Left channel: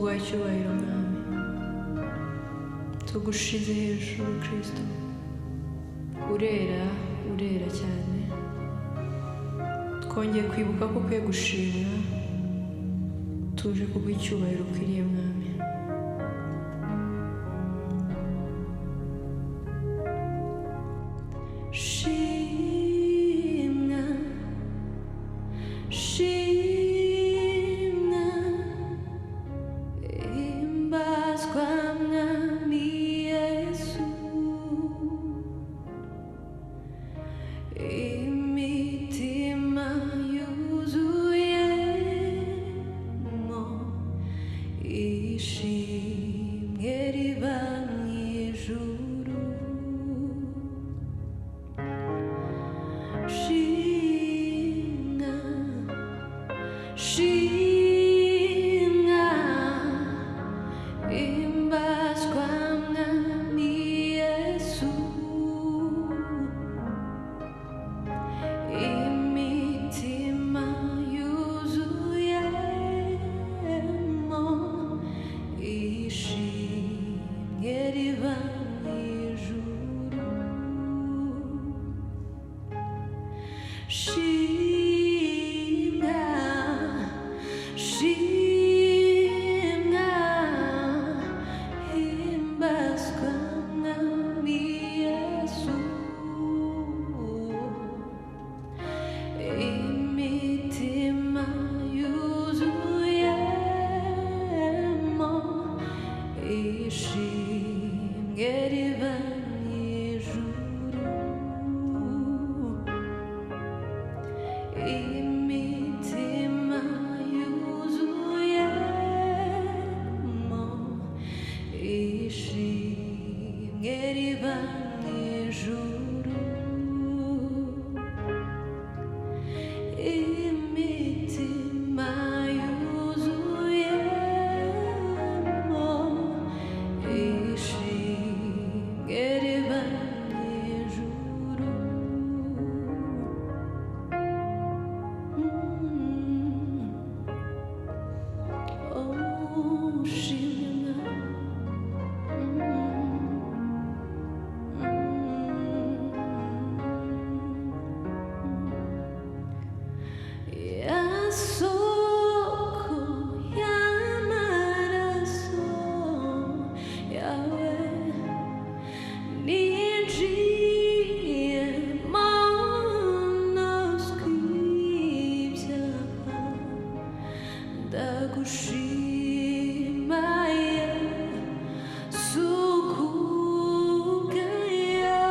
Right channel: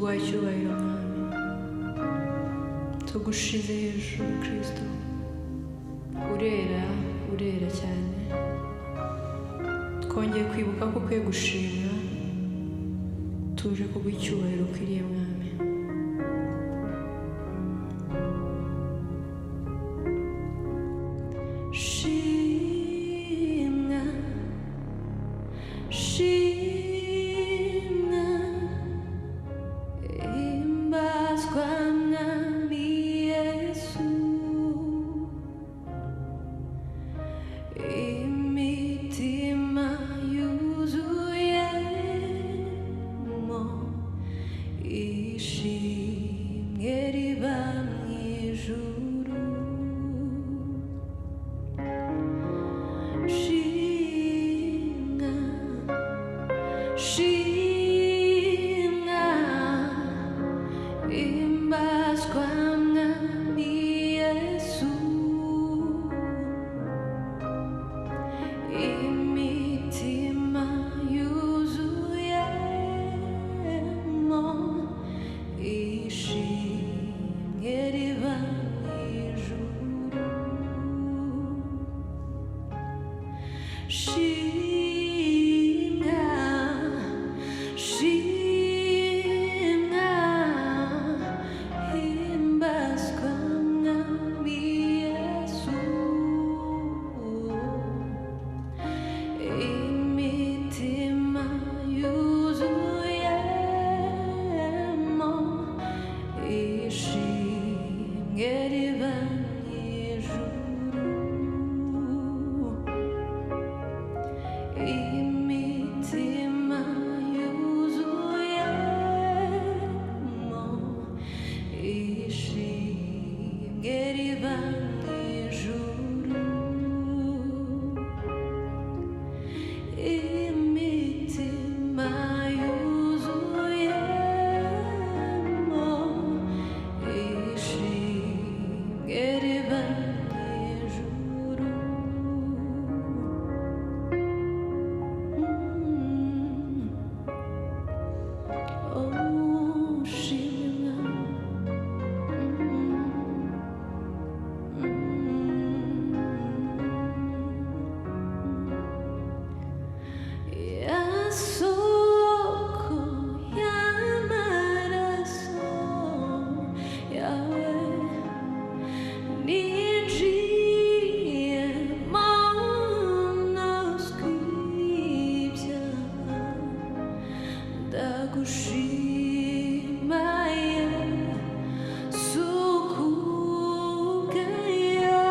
tuguha icyubahiro mwami, tugushize hejuru Kristo. Urera, urera cyane. Twongeye kwibuka ko ukwiye gushimwa, tuje kuguha icyubahiro ukwiriye mwami. Shimwa, shimwa, himbazwa mwami Yesu. Imitima yuzuyemo ishimwe riva mu ijuru. Shimwa, shimwa, himbazwa mwami Yesu. Imitima yuzuyemo ishimwe riva mu ijuru. Shimwa, shimwa, himbazwa mwami Yesu. Imitima yuzuyemo ishimwe riva mu ijuru. Imitima yuzuyemo ishimwe riva mu ijuru. Imitima yuzuyemo ishimwe riva mu ijuru. Oh, shimwe mwami. Soko y'amaraso yawe ninjiyemo ntazwi ibyaha. Ndagushima Yesu kubwayo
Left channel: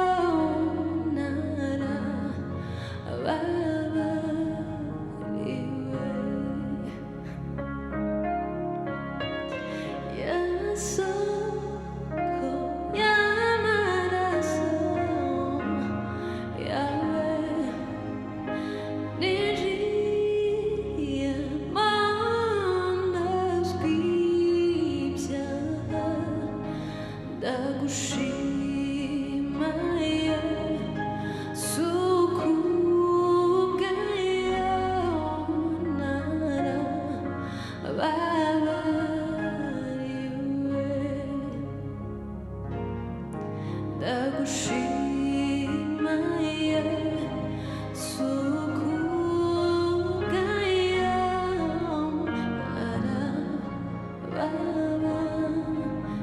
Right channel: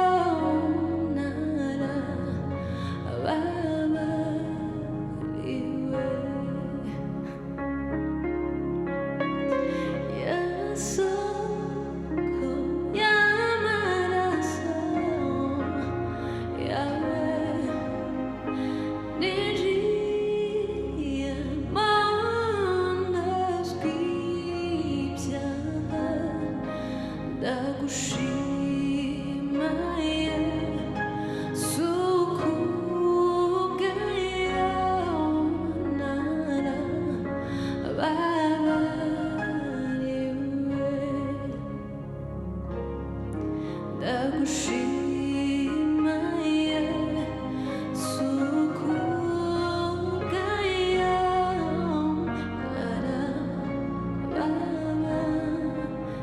narababariwe. Soko y'amaraso yawe ninjiyemo ntazwi ibyaha. Ndagushima Yesu kubwayo narababariwe. Ndagushima Yesu kubwayo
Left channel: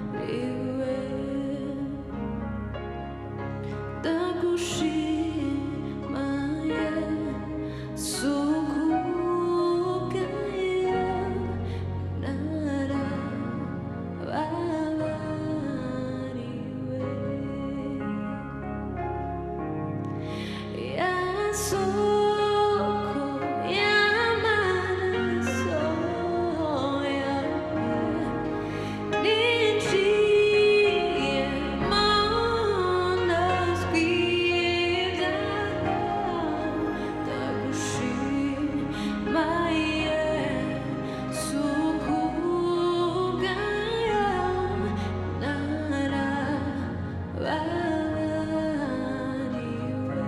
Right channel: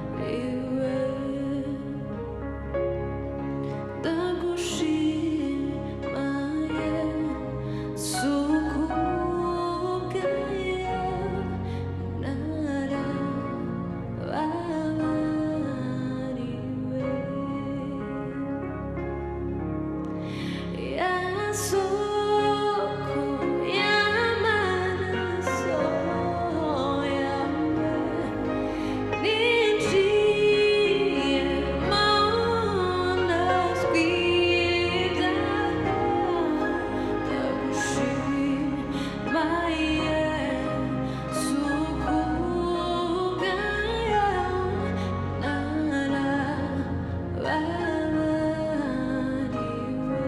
narababariwe. Ndagushima Yesu kubwayo narababariwe. Soko y'amaraso yawe ninjiyemo ntazwi ibyaha. Ndagushima Yesu kubwayo narababariwe.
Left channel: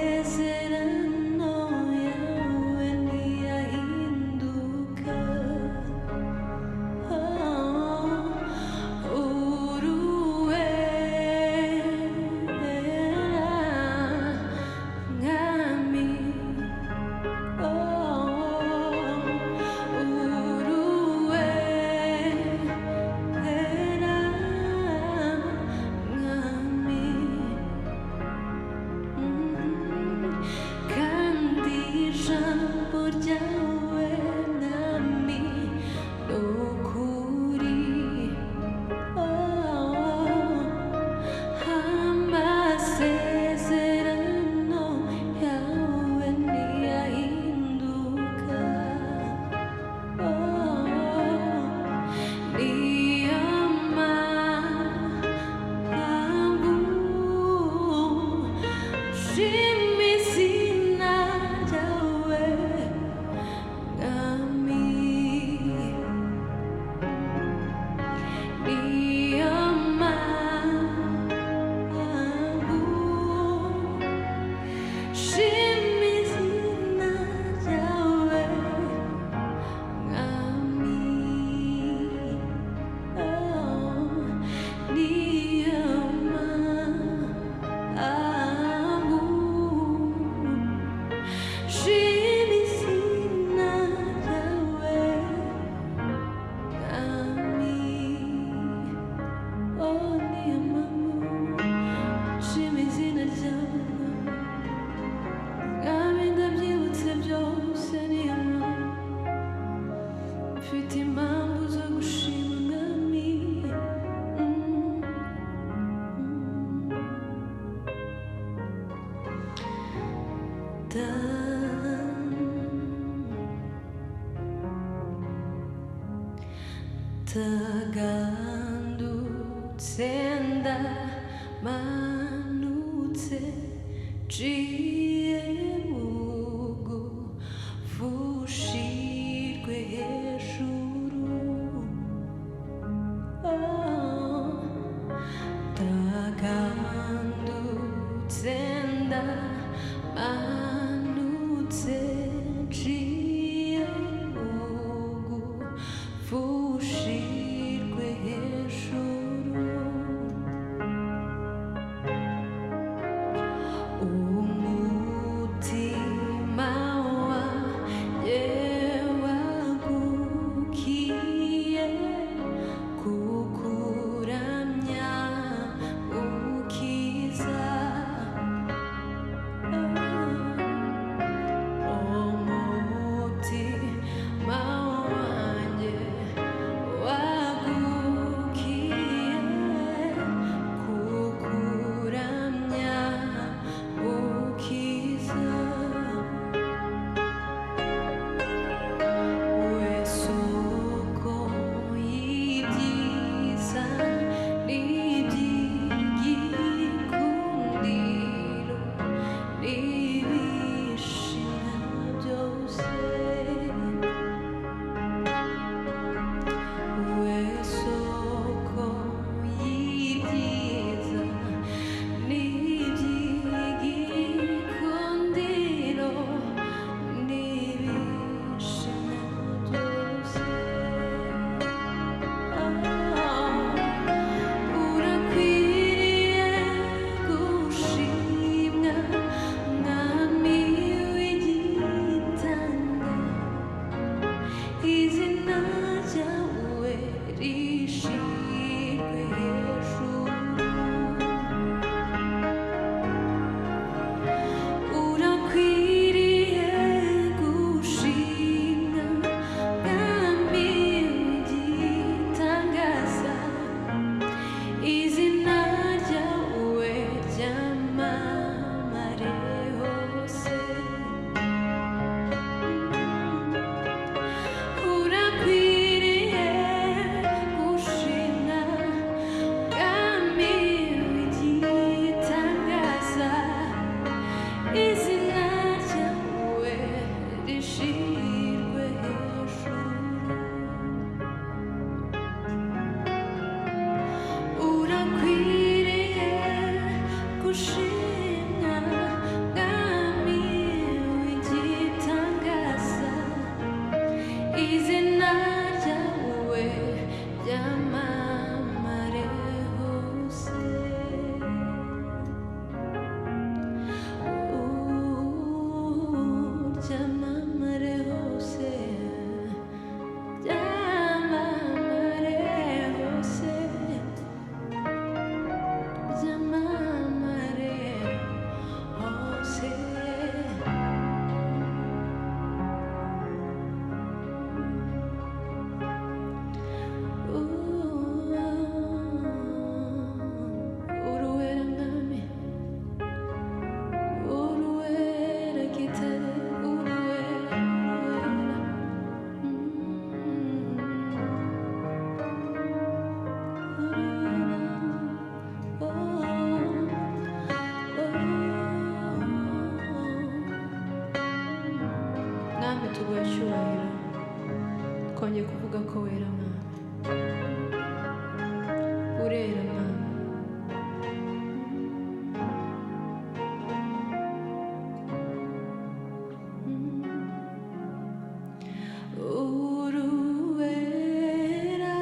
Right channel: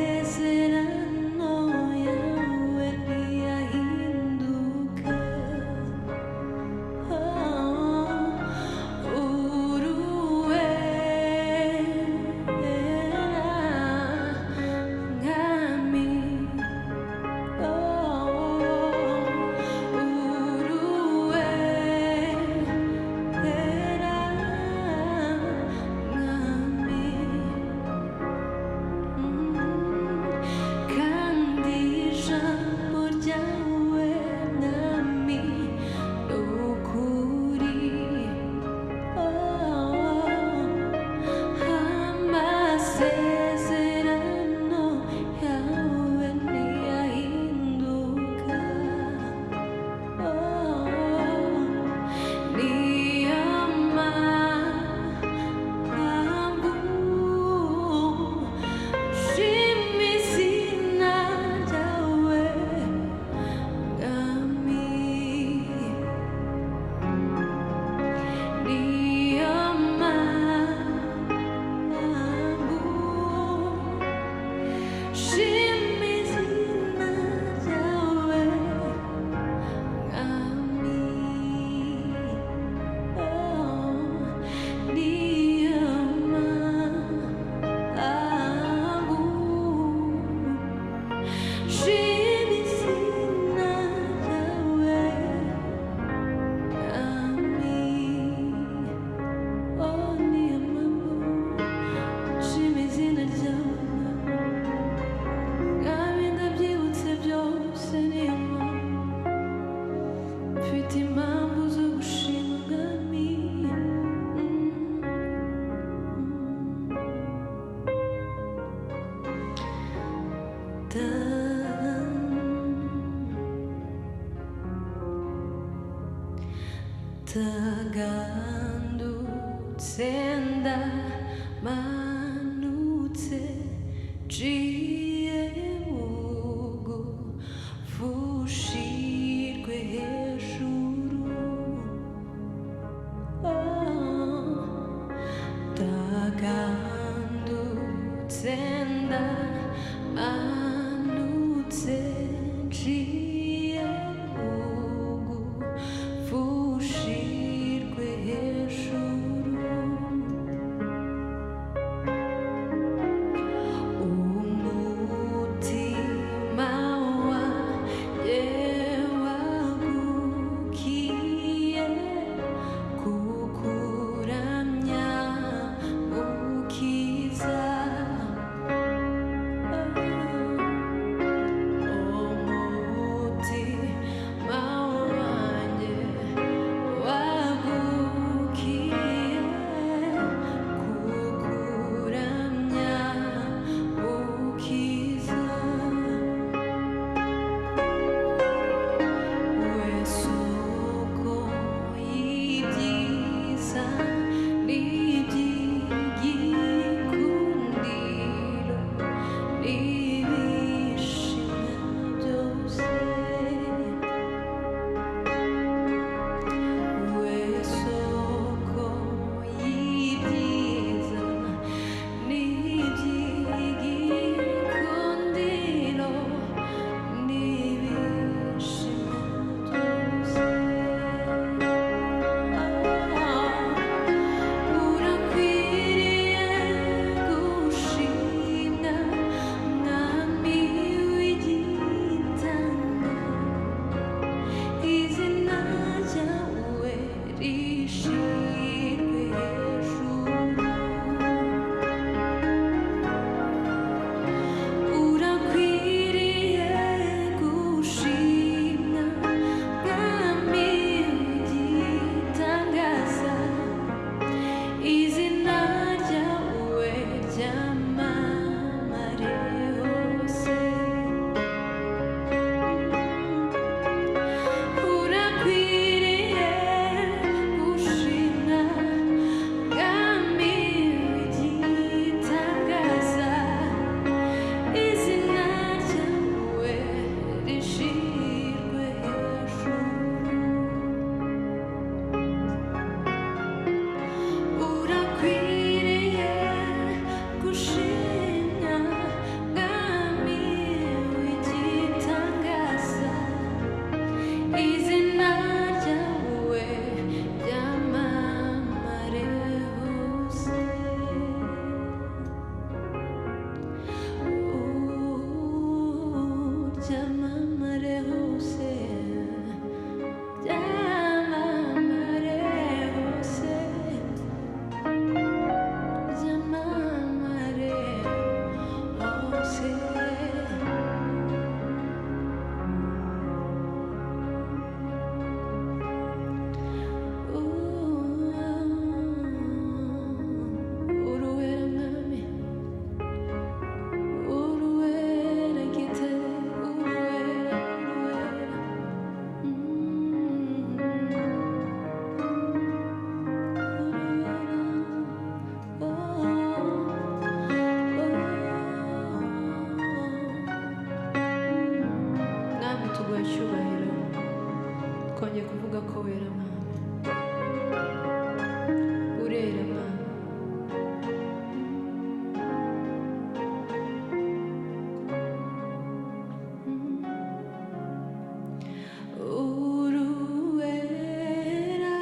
amasezerano yawe ntiyahinduka. Uruwera mwami, uruwera mwami, kandi ijambo ryawe mwami ni ukuri. Amasezerano yawe ntiyahinduka. Niyo mpamvu nshima izina ryawe mwami. Niyo mpamvu nshima izina ryawe mwami. Niyo mpamvu nshima izina ryawe mwami. Niyo mpamvu nshima izina ryawe mwami, ndabyibutse byose. Niyo mpamvu mfite impamvu zo gushima mwami. Tagandutse ndamanutse nciye bugufi ushirwe hejuru. Tagandutse ndamanutse nciye bugufi ushirwe hejuru. Umutima wanjye wagukiye kukuramya mukiza. Umutima wanjye wagukiye kukuramya mukiza. We soko y'ibyiza n'iby'igikundiro n'ibishimwa byose. We soko y'ibyiza n'iby'igikundiro n'ibishimwa byose. Urakwiriye gushimwa mwami. byamamare hose, byamamare hose, byamamare hose. Uruwera mwami, uruwera gitare, uruwera, uruwera. Uruwera, oh, oh. Mwami tuguhe icyubahiro, twongeye kuvuga ko wera mwami, urera mwami. Uruwera,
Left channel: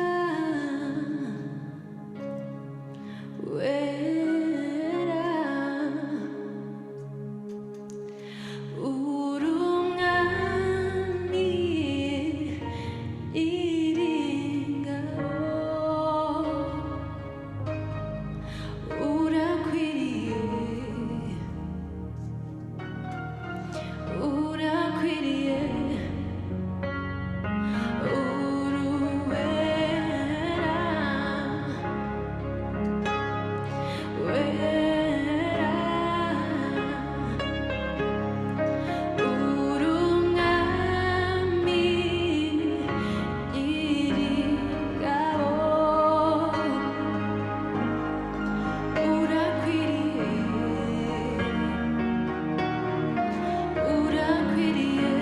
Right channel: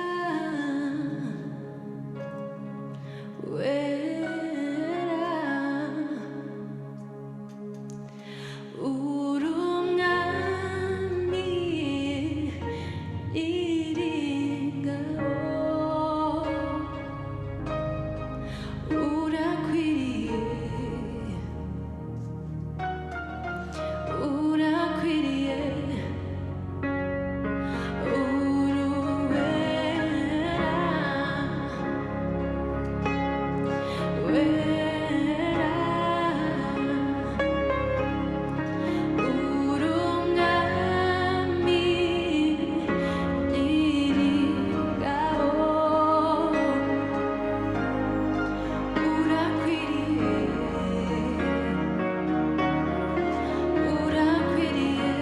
wera, urumwami iringabo, urakwiriye, urakwiriye. Uruwera, wera, urumwami iringabo, urakwiriye, urakwiriye.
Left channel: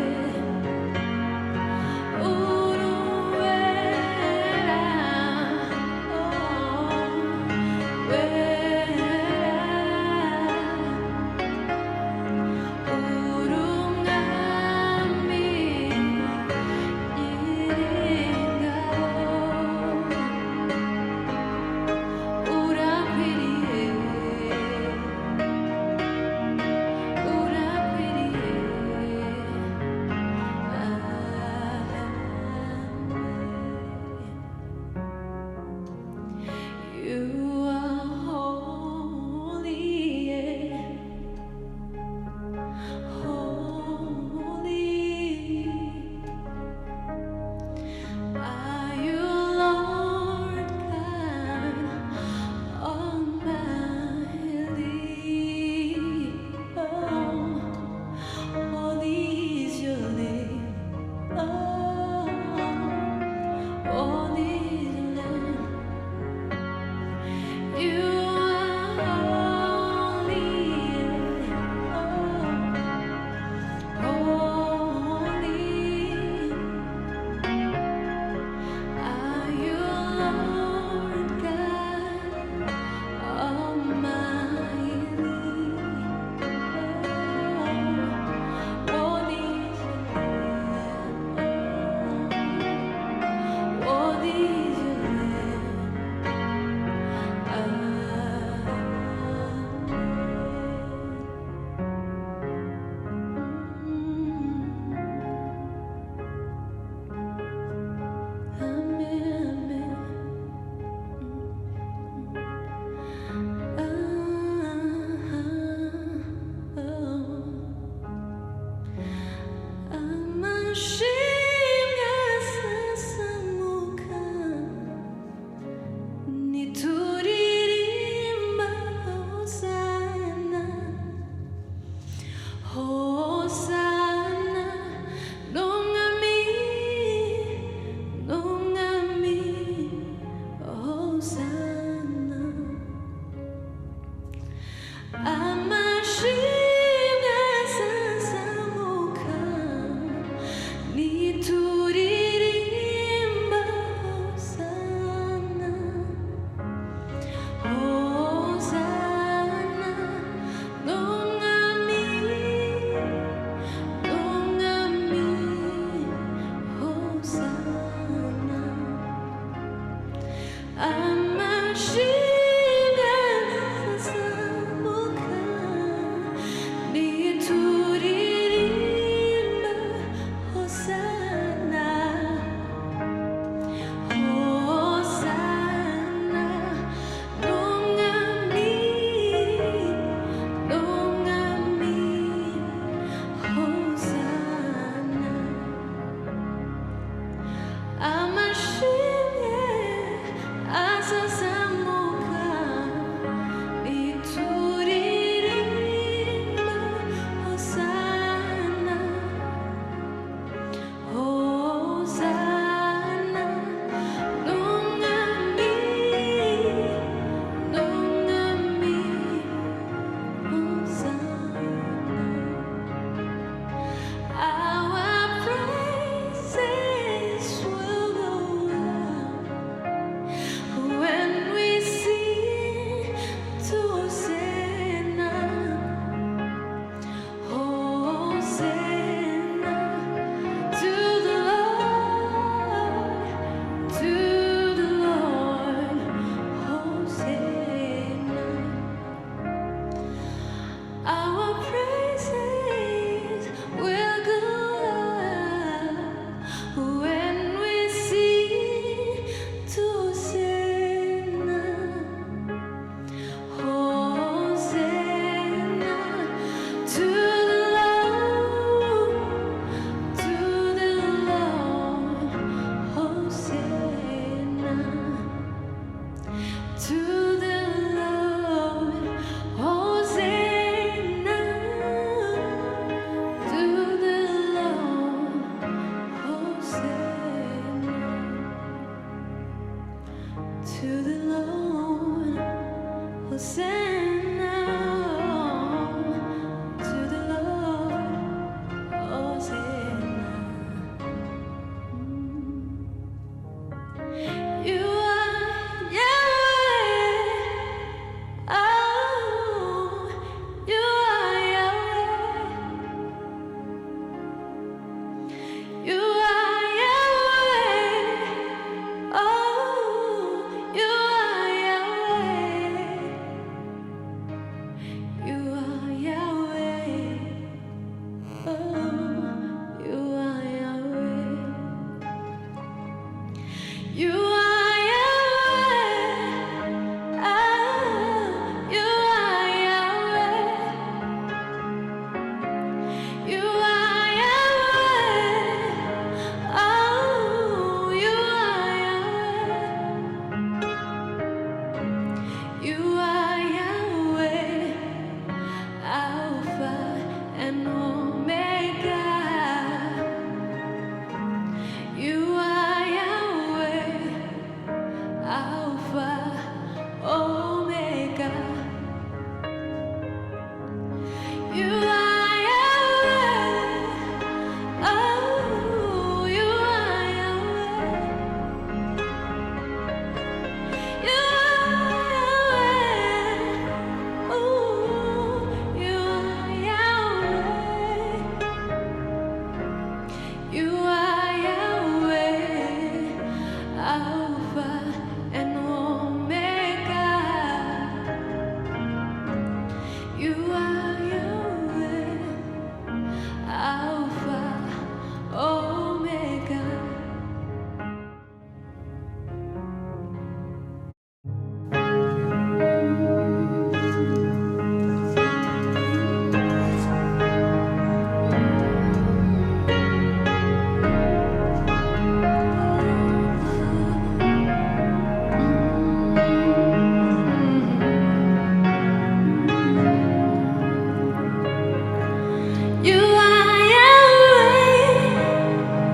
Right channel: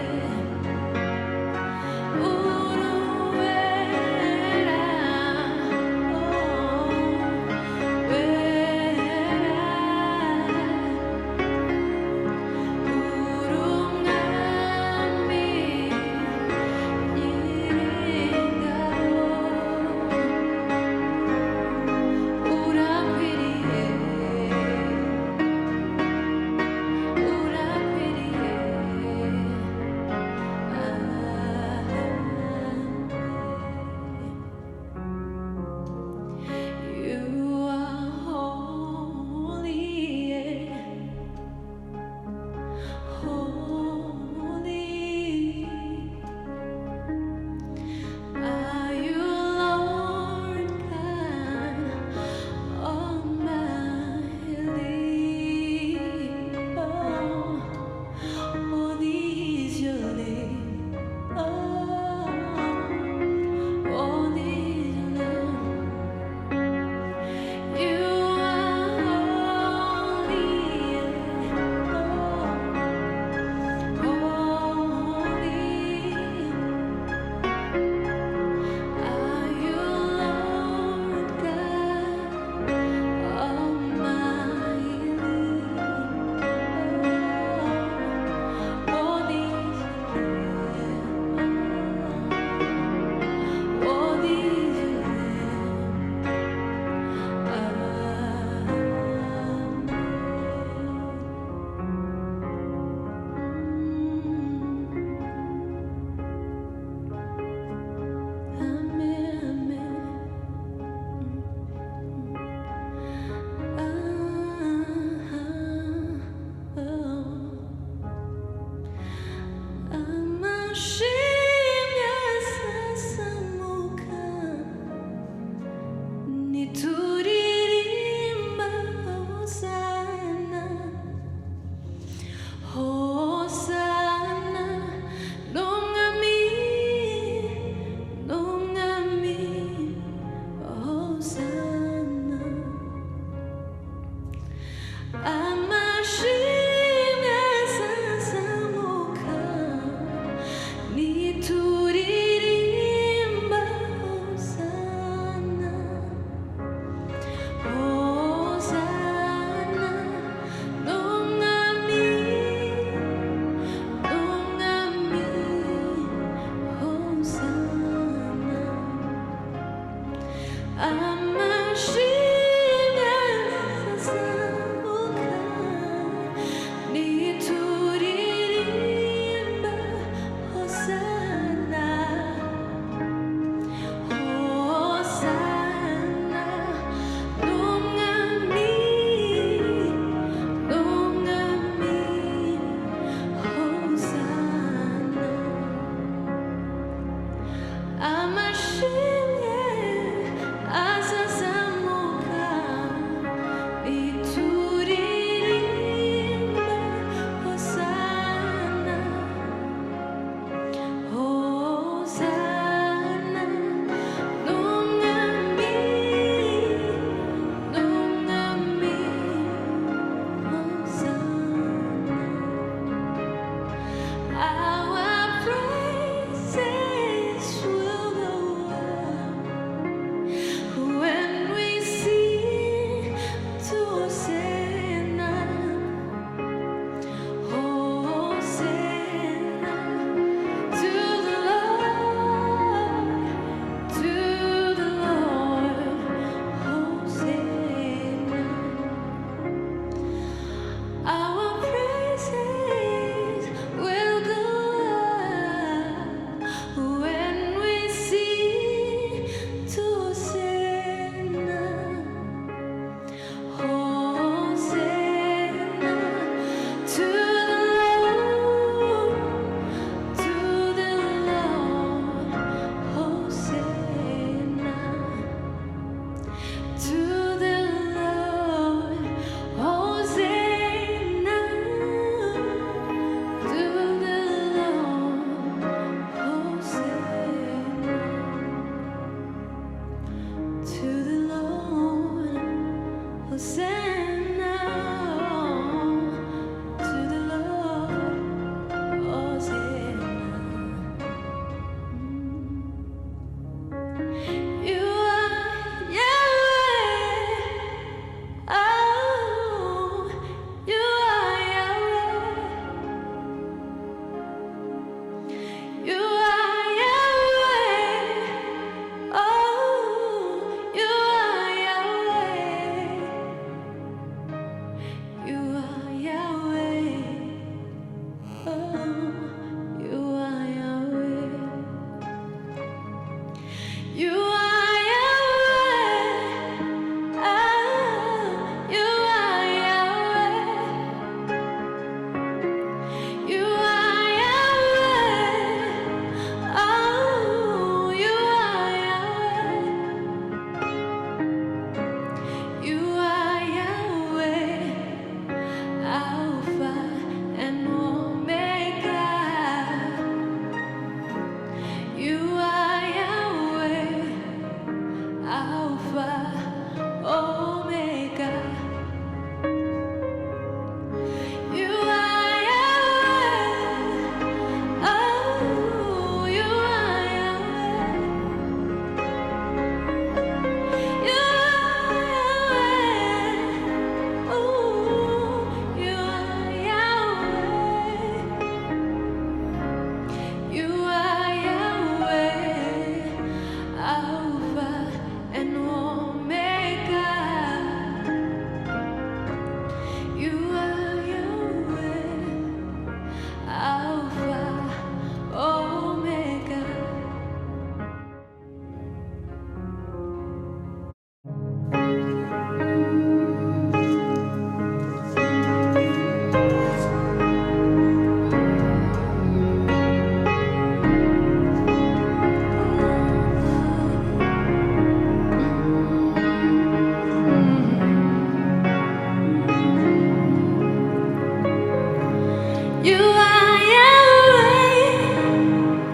You are Yahweh.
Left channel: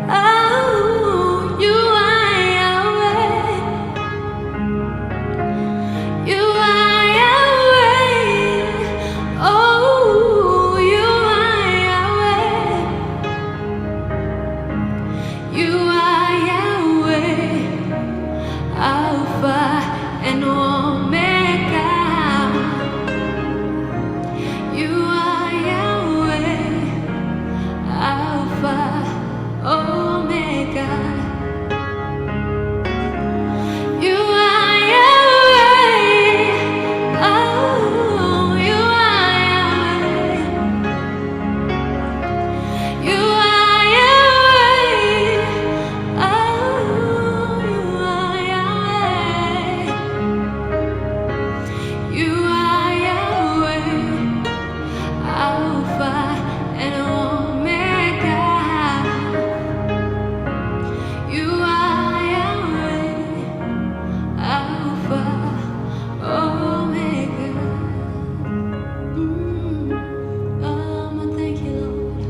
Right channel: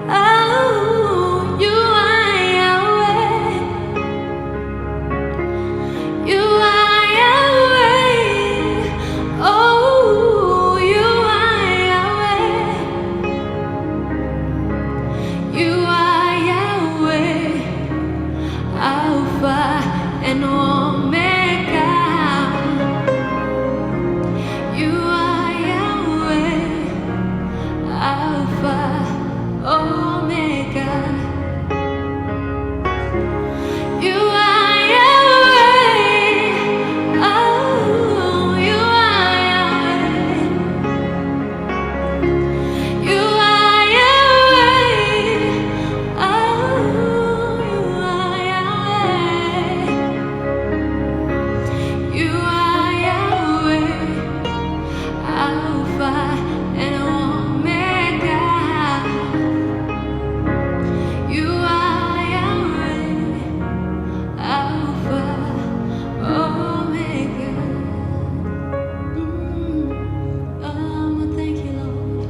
Oh, you are Yahweh. You are Yahweh. Oh, you are Yahweh. You are Yahweh, Alpha and Omega. You are Yahweh, Alpha, Omega. You are Yahweh. Oh, you are Yahweh. You are Yahweh. Oh, you are Yahweh. You are Yahweh, Alpha and Omega. You are Yahweh, Alpha, Omega. Thank you, Lord.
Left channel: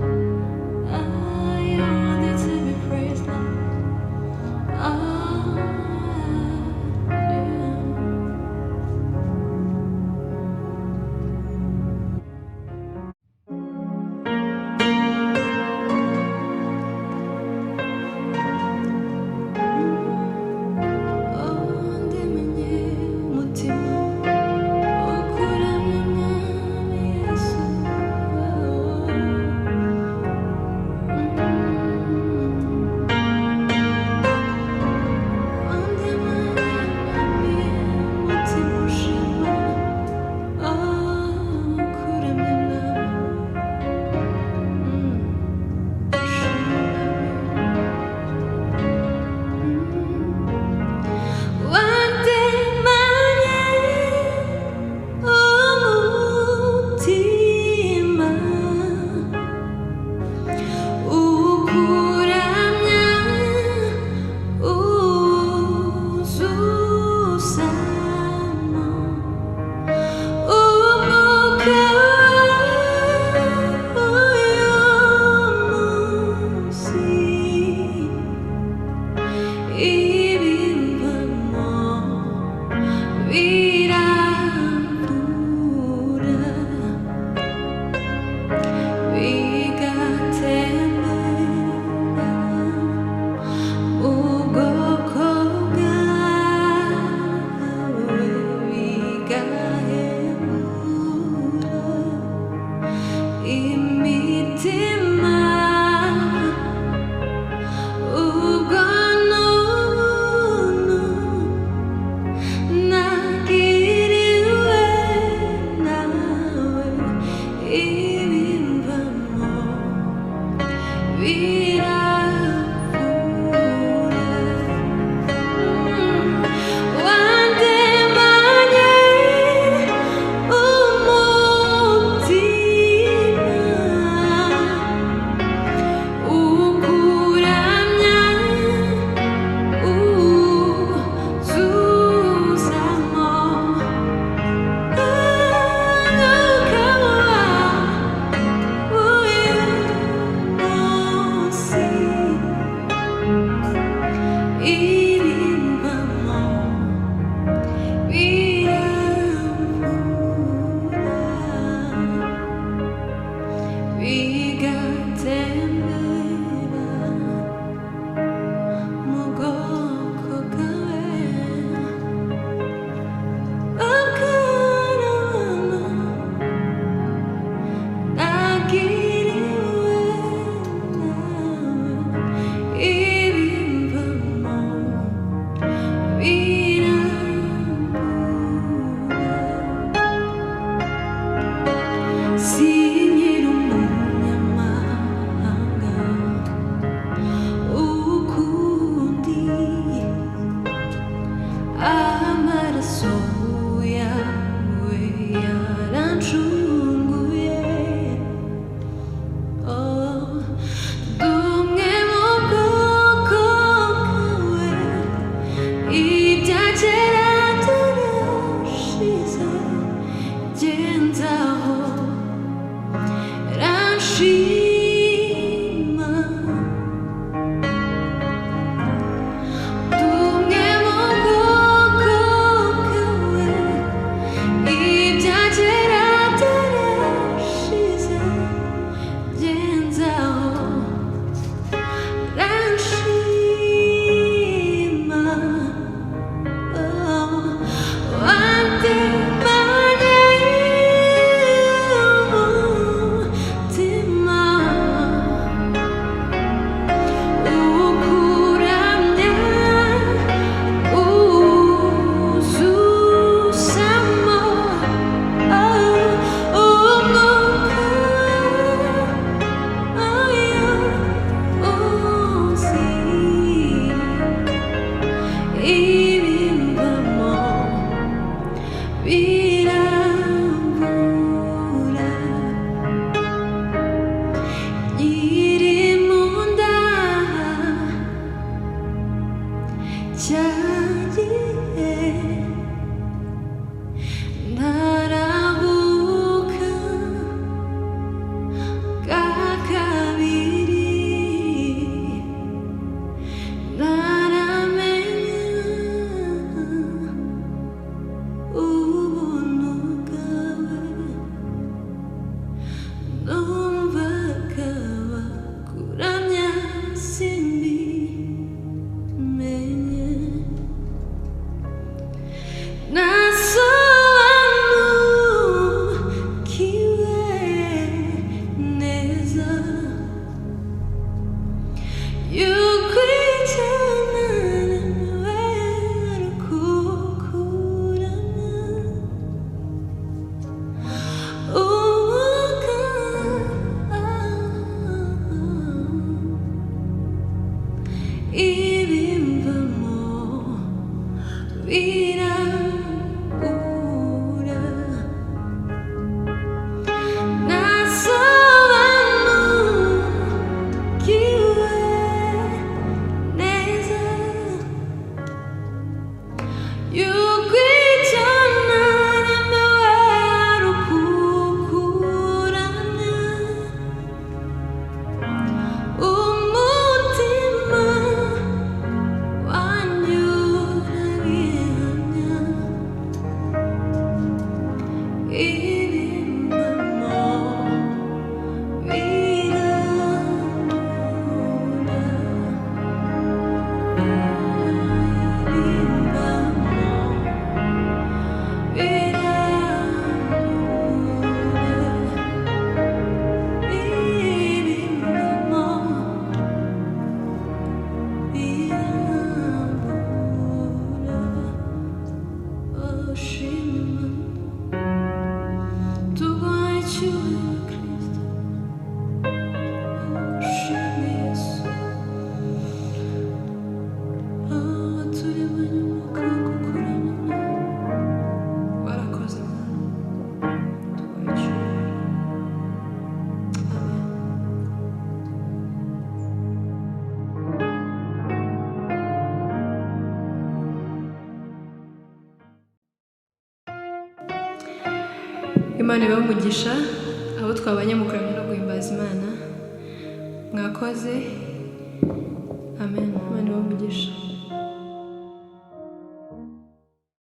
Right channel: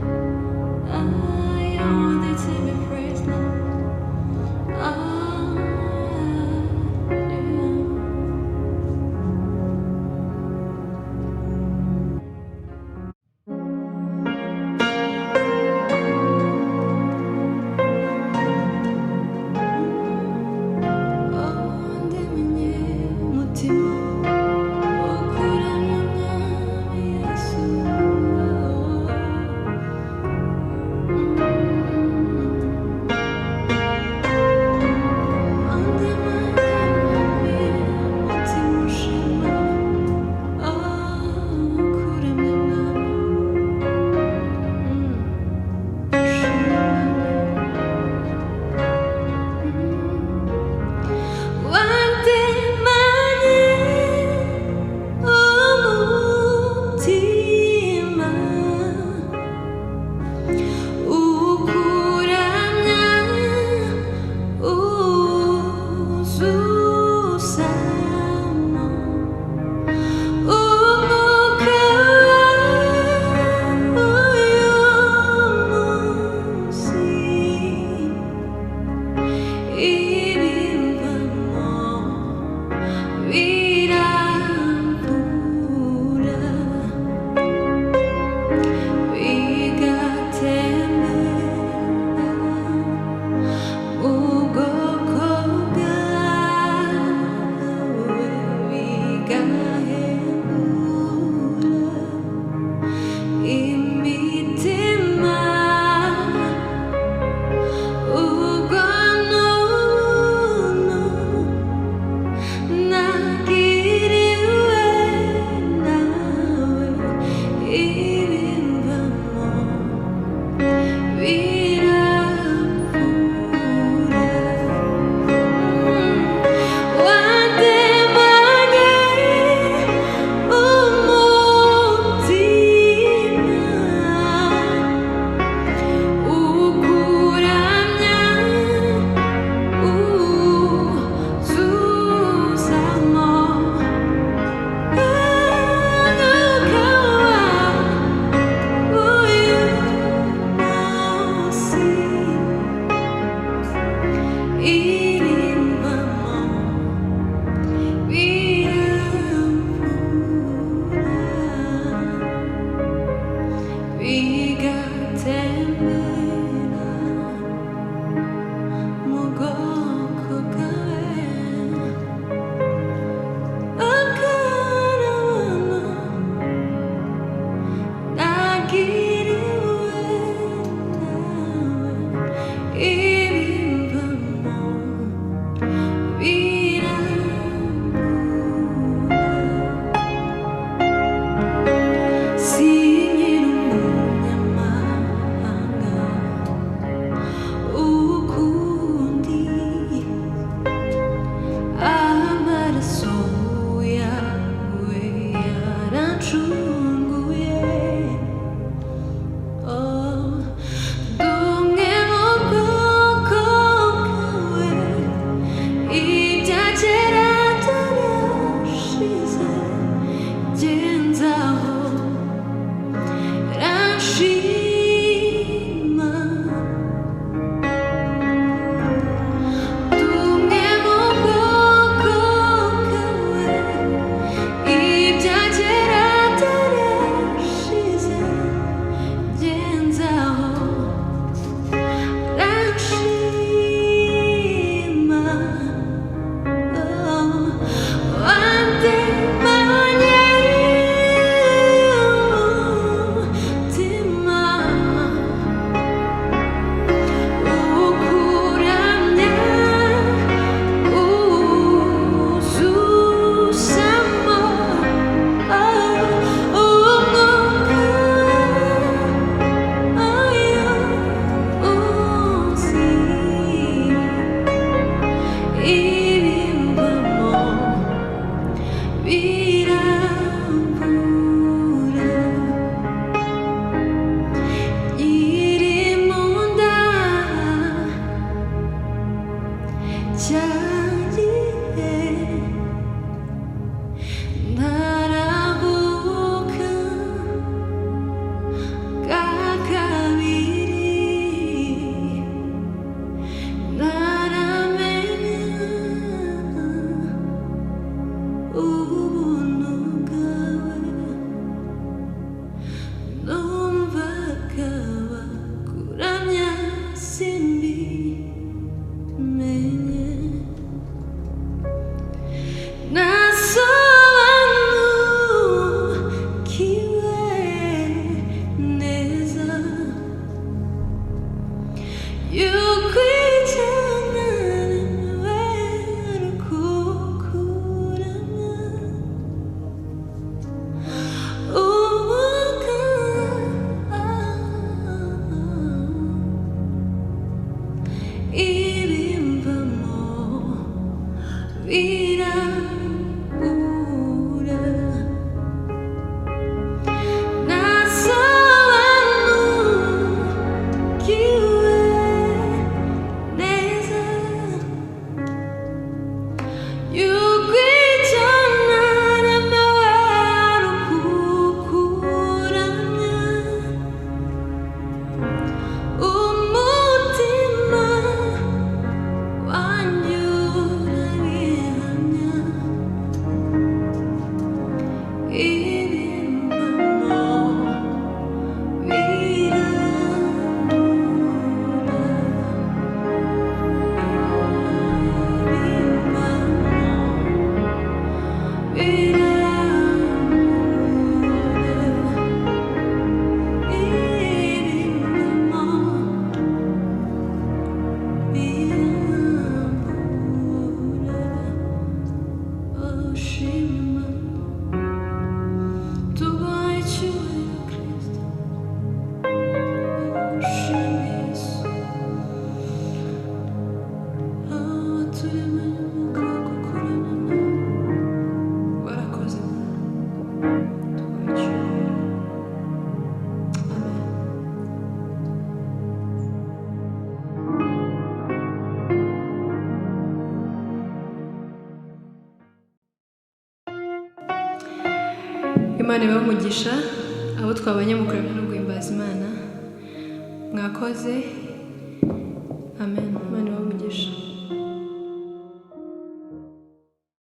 You're worthy to be praised, Lord. Ndemye umutima ukuramya Mwami Yesu. Sinkiri umunyamahanga ndagushima tumwe mu bwoko bwawe ibya kera byarashize genzaho ranshima wandemanye umutima ukuramya uzuzamo umwuka ayo uzi ibimbamo birambura iri mu nda cyagihe ntaravuka bwa kabiri ntaramenya ubuntu bwawe numvaga bakuramya simbimenye nasobanukiwe neza yuko icyana nemewe ari ukukuramya umwuka ibimbamo birabura nasobanukiwe neza yuko icyo naremewe ari ukukuramya umutima wanjye urabihamya ibimbamo birabura icyubahiro Kristo ushime Yesu waturemanye umwuka wo kukuramya nawe warakoze Mana tuguha icyubahiro amen. Imana ibahe umugisha abo twabanye mu kuramya no guhimbaza Imana mwakoze amen. Imana ibahe umugisha.